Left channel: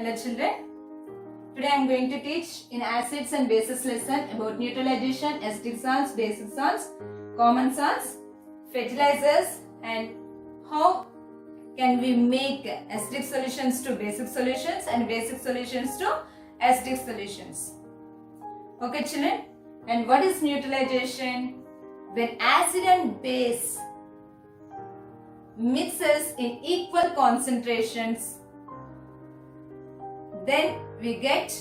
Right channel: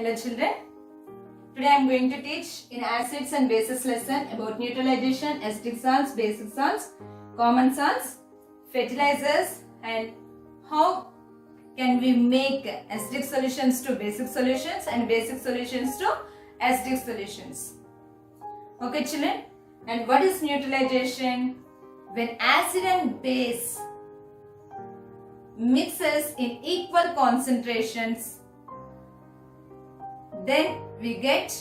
Hello children. Today I am going to teach in acids and bases lesson about neutralization, acidic salts, basic salts, common salts, fertilizers, and how can we make acidic solutions to basic solutions and basic solutions to acidic solutions. Okay children, and what is neutralization? When acid and base mixes in equal concentrations, then we get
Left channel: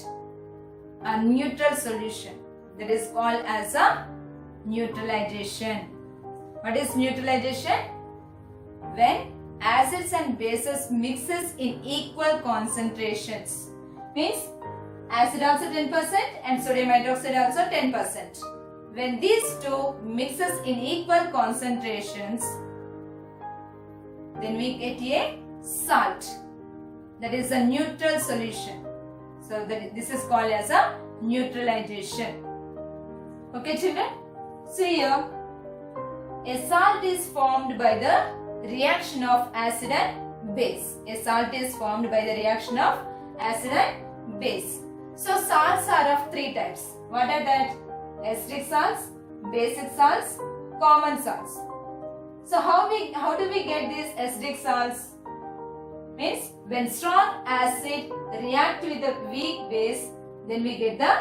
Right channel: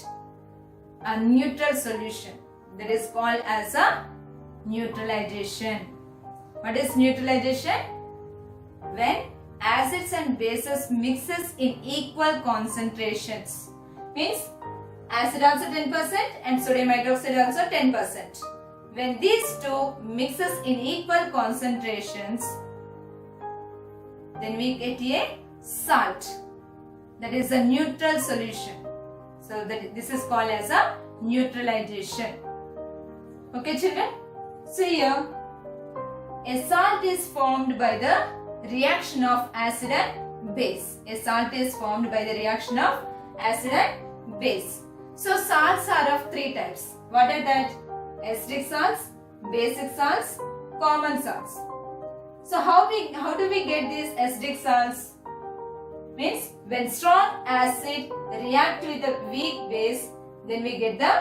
a neutral solution, that is called as a neutralization. What is neutralization? When acids and bases mixes in equal concentrations, means acid also 10% and sodium hydroxide also 10%. When these two mixes in equal concentrations, then we get a salt, that is a neutral solution. So this is called as a neutralization. Okay children, so here a salt is formed by the reaction of acid and base. A salt is formed by the reaction of acid and base. So salts are of three types. What are that? Acidic salts, basic salts, common salts. So how do we get these acidic salts? Means when strong acid react with a weak base, then we get the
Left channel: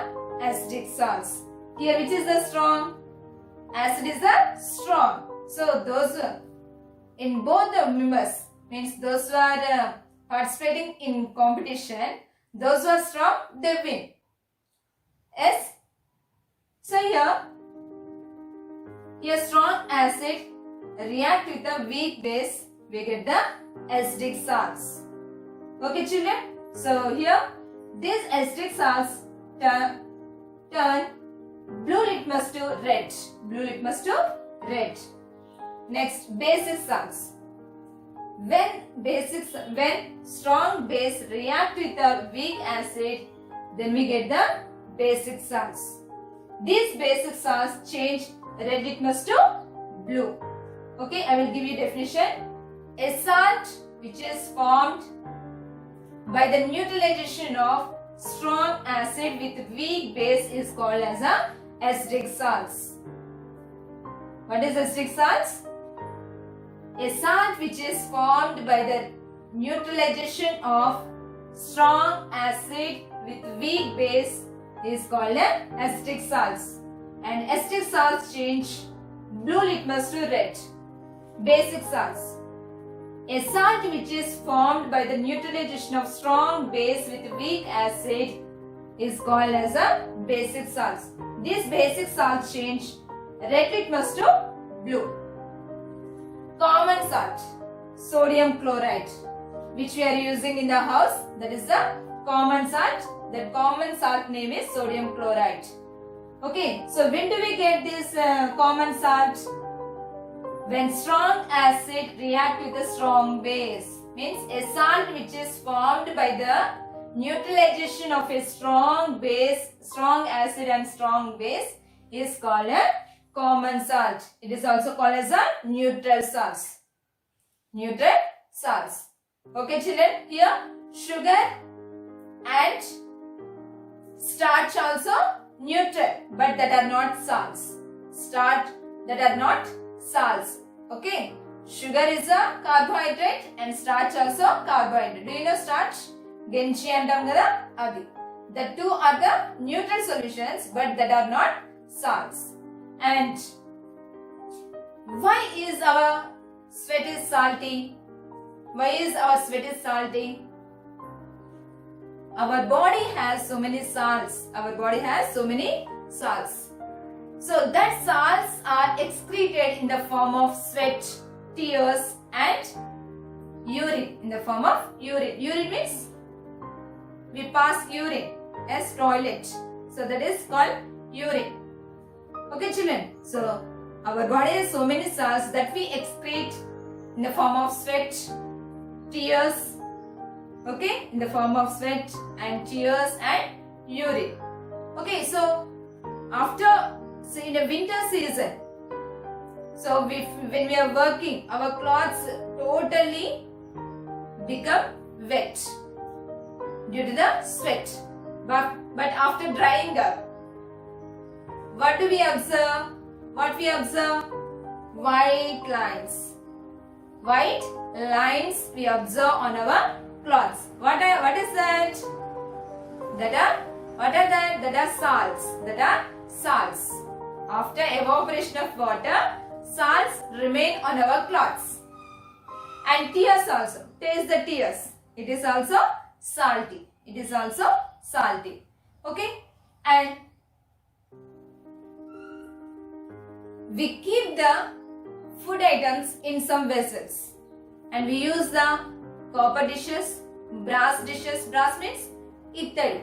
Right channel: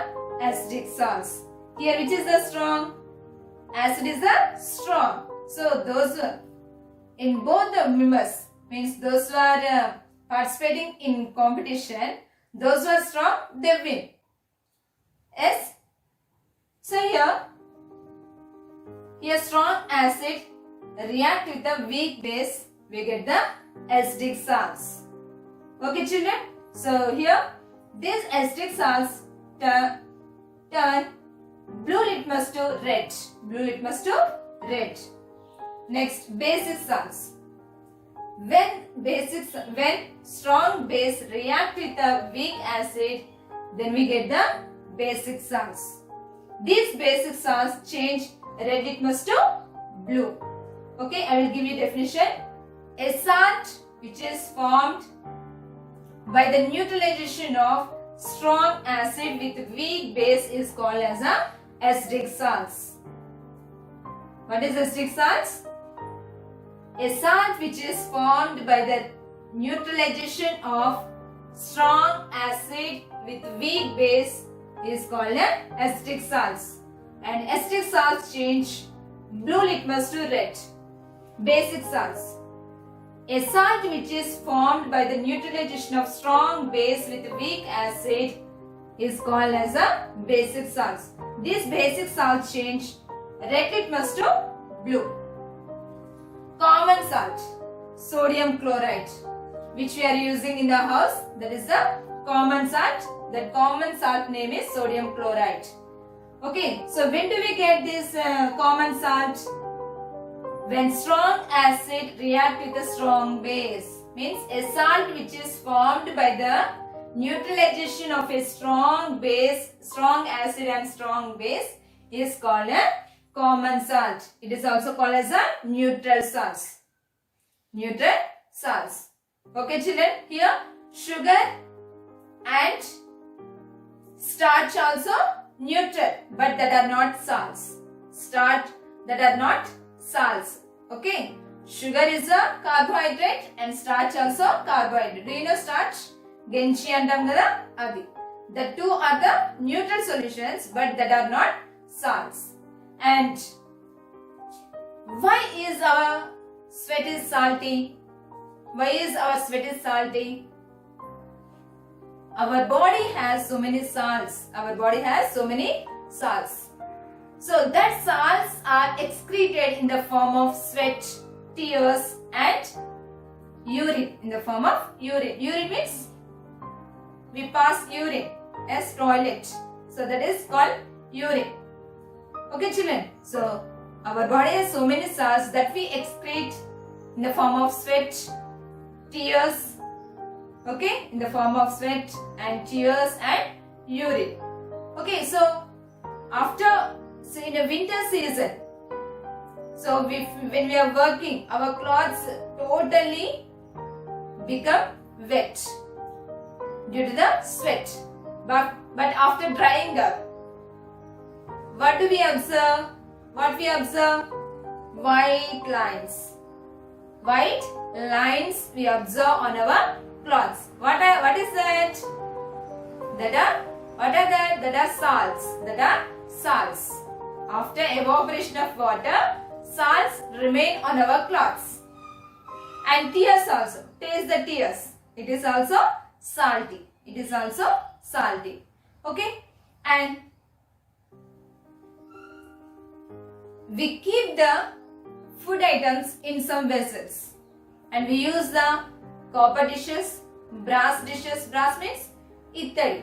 acidic salts. Here which is the strong? Acid is the strong. So those in both the members, means those who are participating in competition, those who are strong, they win. Yes. So here strong acid react with a weak base, we get the acidic salts. Okay children, so here these acidic salts turn blue litmus to red. Blue litmus to red. Next, basic salts. When strong base react with a weak acid, then we get the basic salts. These basic salts change red litmus to blue. Okay, I will give you definition. A salt which is formed by the neutralization of strong acid with weak base is called as a acidic salts. What is acidic salts? A salt which is formed by the neutralization of strong acid with weak base is called as acidic salts. And acidic salts change blue litmus to red. Basic salts. A salt which is formed by the neutralization of strong base with weak acid is called as a basic salts. These basic salts change red litmus to blue. Common salt, sodium chloride, which we are using in the house, that is the common salt. The common salt name is sodium chloride. Okay, so when do we get this common salt? When strong acid react with a strong base, means a salt which is formed by the neutralization of a strong base, strong acid and strong base is called a common salt. It is also called as a neutral salts. Neutral salts. Okay children, here sugar and starch also neutral, but that are not salts. Starch that are not salts. Okay, sugar is a carbohydrate and starch also carbohydrate. Do you know starch? Genchi antam kada adi. The two are the neutral solutions, but that are not salts. And why is our sweat is salty? Why is our sweat is salty? Our body has so many salts. Our body has so many salts. So that salts are excreted in the form of sweat, tears and urine. In the form of urine. Urine means we pass urine as toilet. So that is called urine. Okay children. So our body has so many salts that we excrete in the form of sweat, tears. Okay, in the form of sweat and tears and urine. Okay, so in a winter season, so when we are working, our clothes totally become wet. due to the sweat. But after drying up, what do we observe? What we observe? White lines. White lines we observe on our clothes. What is that? What are that? That are salts. That are salts. After evaporation of water, salts remain on our clothes. And tears also. Taste the tears. It is also salty. It is also salty. Okay? And we keep the food items in some vessels. And we use the copper dishes, brass dishes. Brass means ittadi.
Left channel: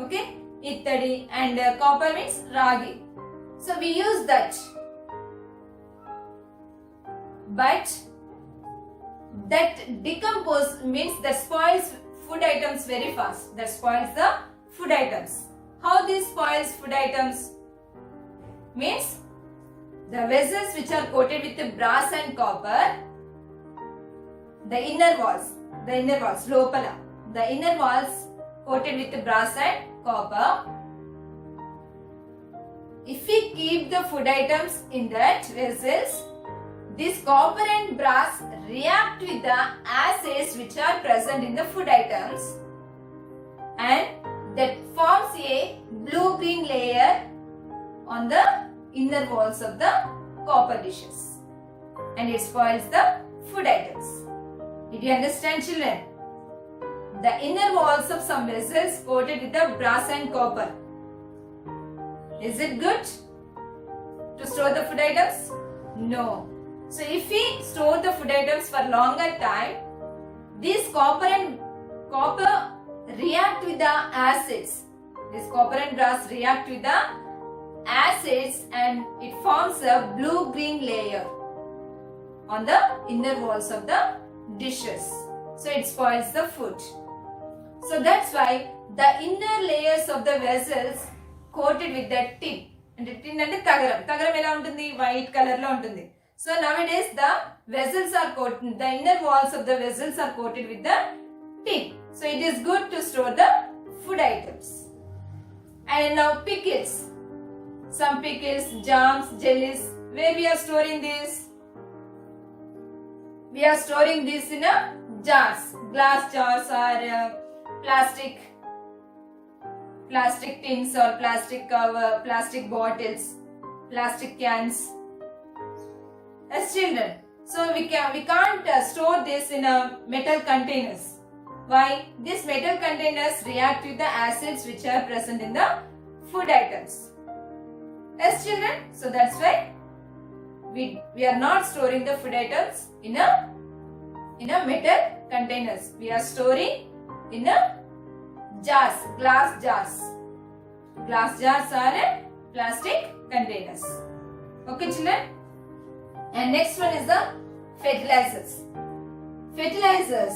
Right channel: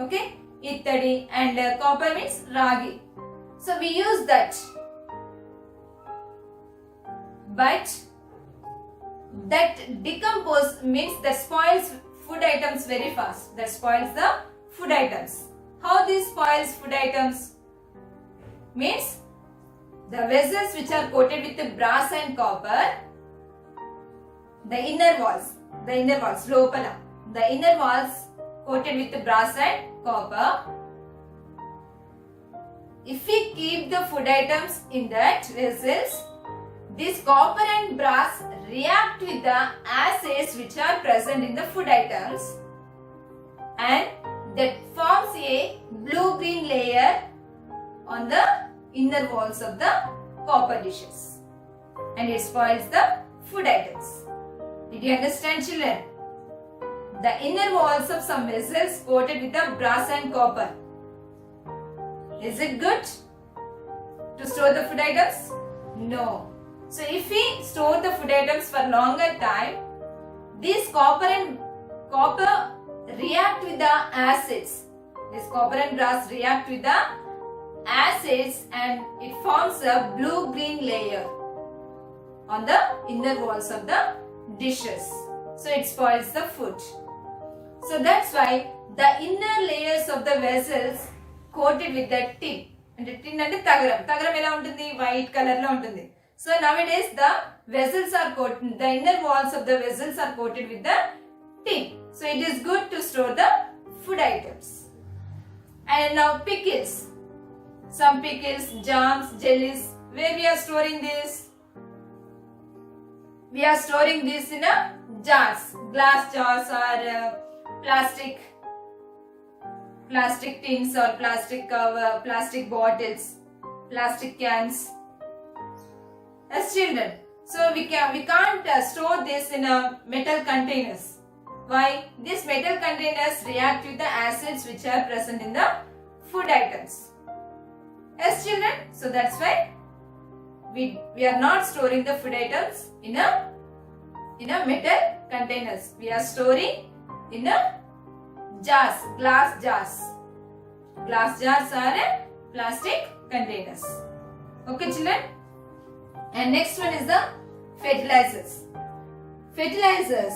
Okay? Ittadi, and copper means ragi. So we use that. But that decompose means that spoils food items very fast. That spoils the food items. How this spoils food items? Means the vessels which are coated with the brass and copper, the inner walls, lopala, the inner walls coated with the brass and copper. If we keep the food items in that vessels, this copper and brass react with the acids which are present in the food items, and that forms a blue-green layer on the inner walls of the copper dishes, and it spoils the food items. Did you understand, children? The inner walls of some vessels coated with the brass and copper. Is it good to store the food items? No. So if we store the food items for longer time, these copper react with the acids. This copper and brass react with the acids, and it forms a blue-green layer on the inner walls of the dishes. So it spoils the food. So that's why the inner layers of the vessels coated with the tin. And the tin and the tagaram ela untundi, white color la untundi. So nowadays the vessels are coated, the inner walls of the vessels are coated with the tin. So it is good to store the food items. And now pickles. Some pickles, jams, jellies. Where we are storing this? We are storing this in a jars, glass jars or plastic tins or plastic cover, plastic bottles, plastic cans. As children, so we can't store this in a metal containers. Why? These metal containers react with the acids which are present in the food items. As children, so that's why we are not storing the food items in a metal containers. We are storing in a jars, glass jars. Glass jars are plastic containers. Okay, children. And next one is the fertilizers. Fertilizers.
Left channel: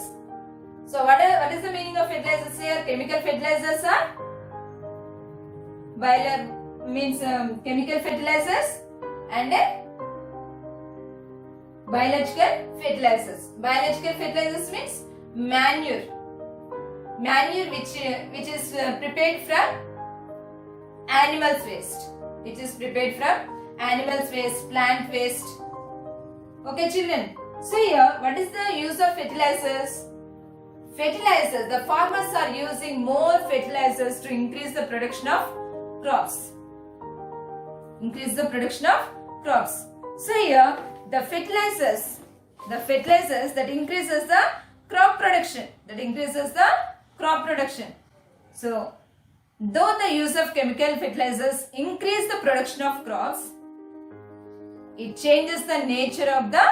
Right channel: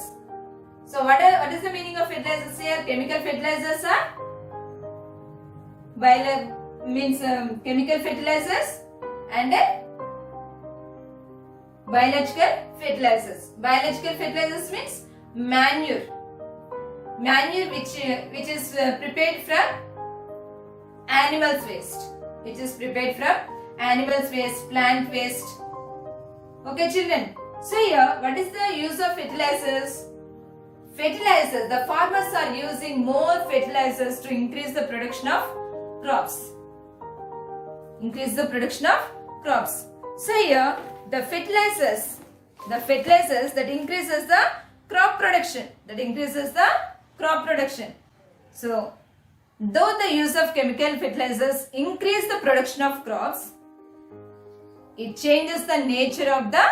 So what is the meaning of fertilizers here? Chemical fertilizers are chemical fertilizers and biological fertilizers. Biological fertilizers means manure. Manure which is prepared from animals waste. Which is prepared from animals waste, plant waste. Okay, children. So here, what is the use of fertilizers? Fertilizers. The farmers are using more fertilizers to increase the production of crops. Increase the production of crops. So here, the fertilizers that increases the crop production. So, though the use of chemical fertilizers increase the production of crops, it changes the nature of the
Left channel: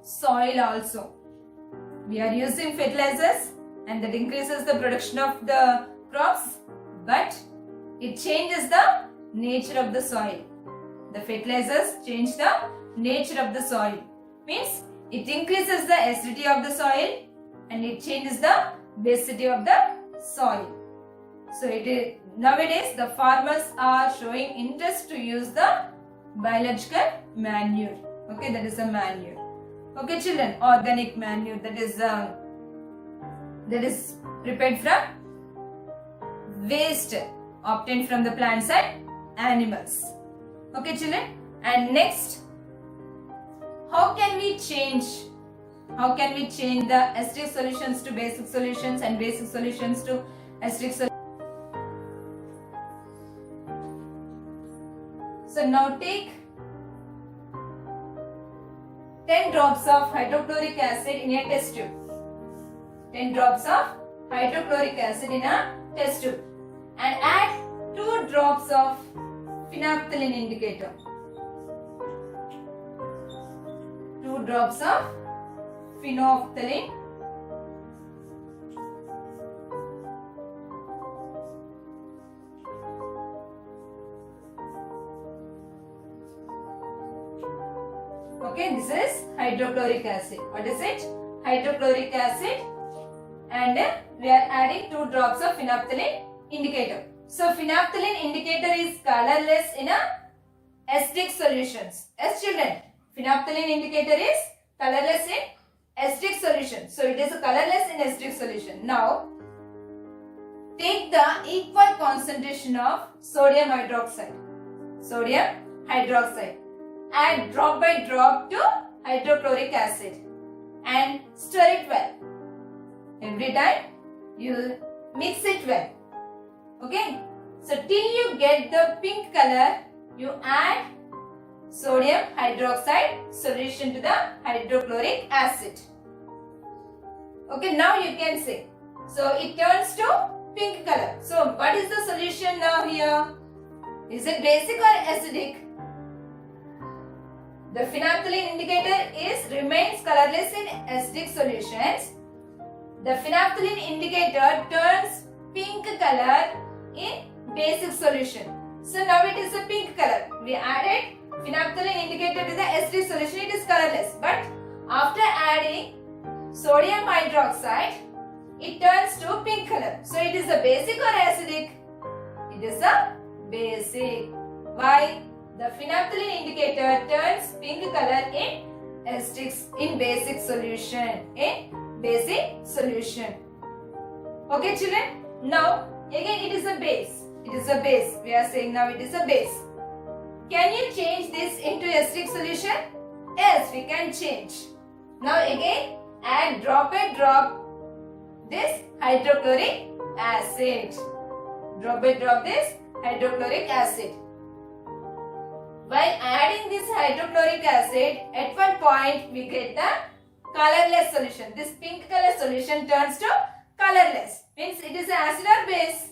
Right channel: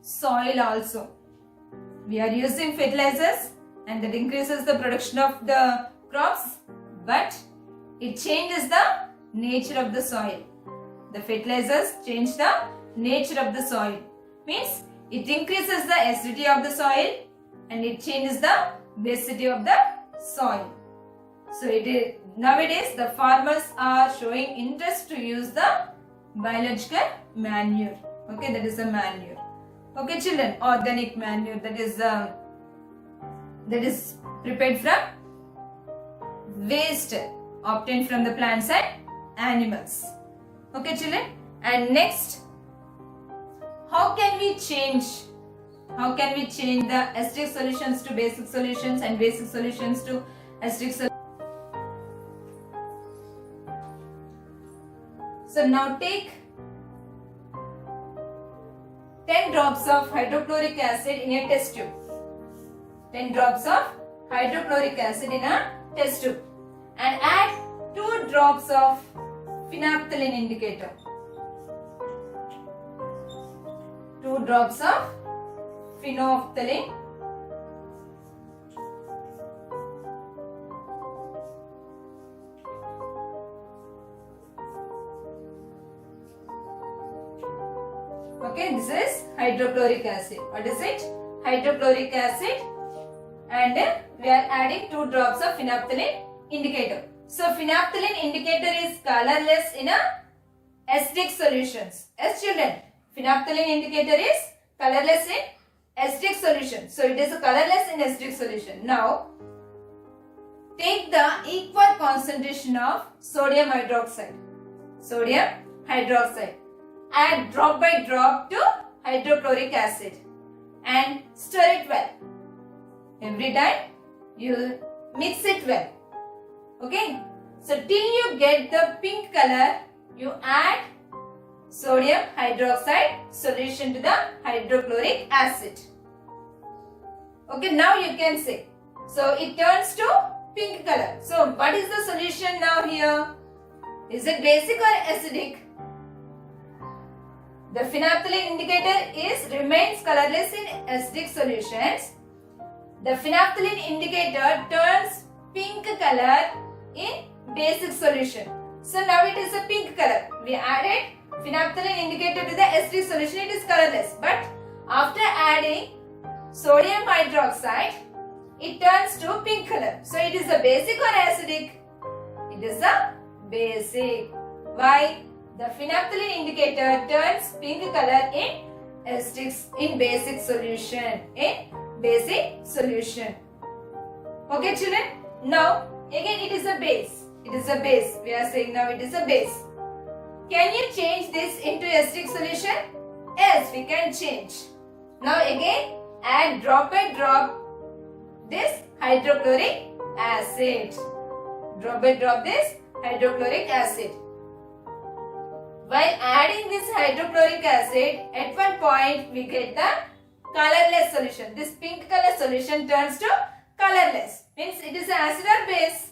soil also. We are using fertilizers and that increases the production of the crops, but it changes the nature of the soil. The fertilizers change the nature of the soil. Means it increases the acidity of the soil and it changes the basicity of the soil. So nowadays the farmers are showing interest to use the biological manure. Okay, that is a manure. Okay, children, organic manure that is prepared from waste obtained from the plants and animals. Okay children, and next, how can we change the acidic solutions to basic solutions and basic solutions to acidic solutions? So now take 10 drops of hydrochloric acid in a test tube. 10 drops of hydrochloric acid in a test tube and add 2 drops of phenolphthalein indicator. 2 drops of phenolphthalein . Okay, this is hydrochloric acid. What is it? Hydrochloric acid, and we are adding 2 drops of phenolphthalein indicator. So phenolphthalein indicator is colorless in a acidic solutions. Yes children, phenolphthalein indicator is colorless in acidic solution. So it is colorless in acidic solution. Now take the equal concentration of sodium hydroxide. Sodium hydroxide. Add drop by drop to hydrochloric acid and stir it well. Every time you mix it well. Okay. So till you get the pink color, you add sodium hydroxide solution to the hydrochloric acid. Okay, now you can see. So it turns to pink color. So what is the solution now here? Is it basic or acidic? The phenolphthalein indicator remains colorless in acidic solutions. The phenolphthalein indicator turns pink color in basic solution. So now it is a pink color. We added phenolphthalein indicator to the acidic solution, it is colorless. But after adding sodium hydroxide, it turns to pink color. So it is a basic or acidic? It is a basic. Why? The phenolphthalein indicator turns pink color in basic solution. Okay children? Now again it is a base. It is a base. We are saying now it is a base. Can you change this into acidic solution? Yes, we can change. Now again add drop by drop this hydrochloric acid. Drop by drop this hydrochloric acid. While adding this hydrochloric acid, at one point we get the colorless solution. This pink color solution turns to colorless. Means it is an acid or base.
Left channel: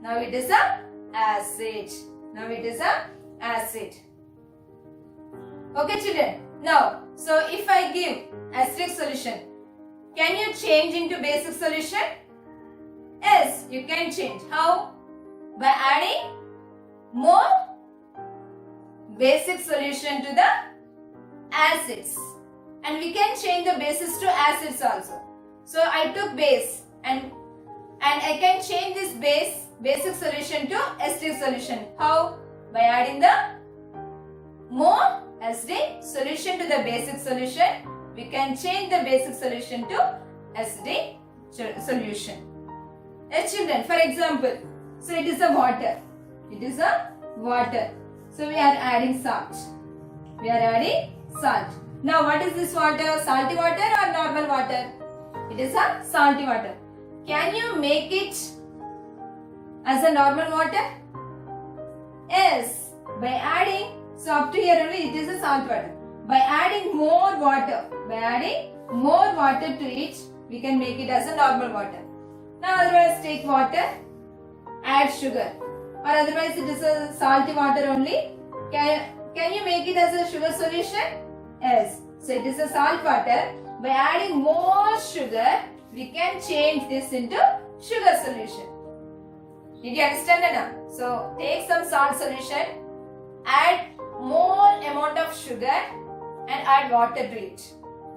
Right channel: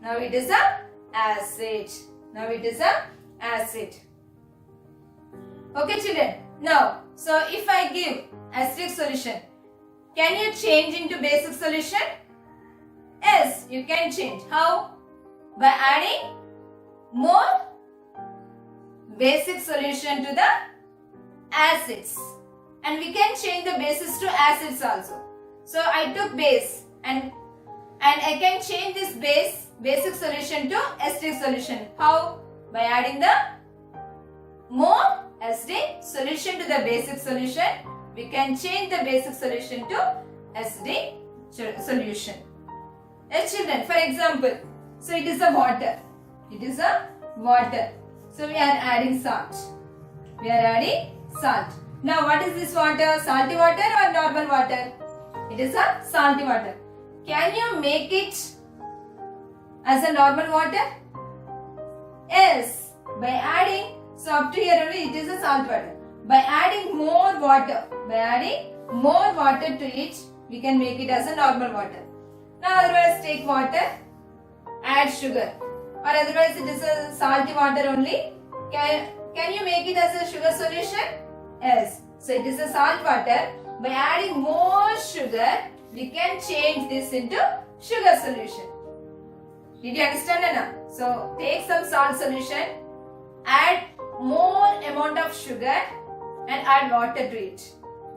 Now it is a acid. Now it is a acid. Okay children. Now, so if I give acidic solution, can you change into basic solution? Yes, you can change. How? By adding more basic solution to the acids, and we can change the bases to acids also. So I took base and I can change this basic solution to acidic solution. How? By adding the more acidic solution to the basic solution, we can change the basic solution to acidic solution. Yes children, for example, so it is a water. It is a water. So we are adding salt. We are adding salt. Now what is this water? Salty water or normal water? It is a salty water. Can you make it as a normal water? Yes. By adding, so up to here only it is a salt water. By adding more water, to it, we can make it as a normal water. Now otherwise take water, add sugar. Or otherwise it is a salty water only. Can you make it as a sugar solution? Yes. So it is a salt water. By adding more sugar, we can change this into sugar solution. Did you understand Anna? So take some salt solution, add more amount of sugar and add water to it.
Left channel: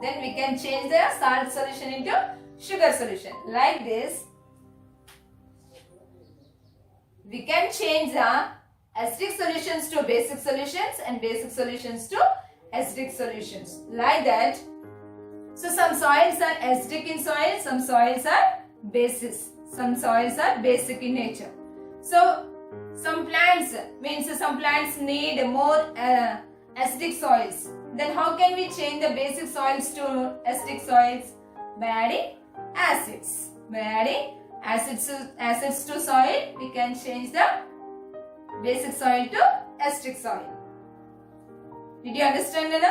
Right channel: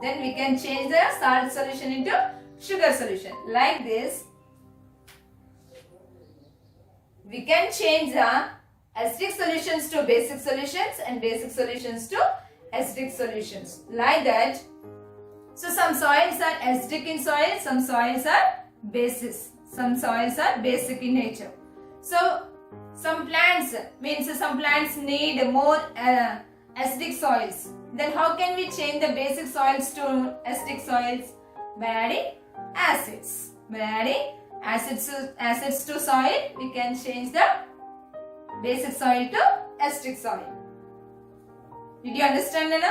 Then we can change the salt solution into sugar solution. Like this, we can change the acidic solutions to basic solutions and basic solutions to acidic solutions. Like that. So some soils are acidic in soil, some soils are bases. Some soils are basic in nature. So some plants need more acidic soils. Then how can we change the basic soils to acidic soils? By adding acids. By adding acids to soil, we can change the basic soil to acidic soil. Did you understand, Nana?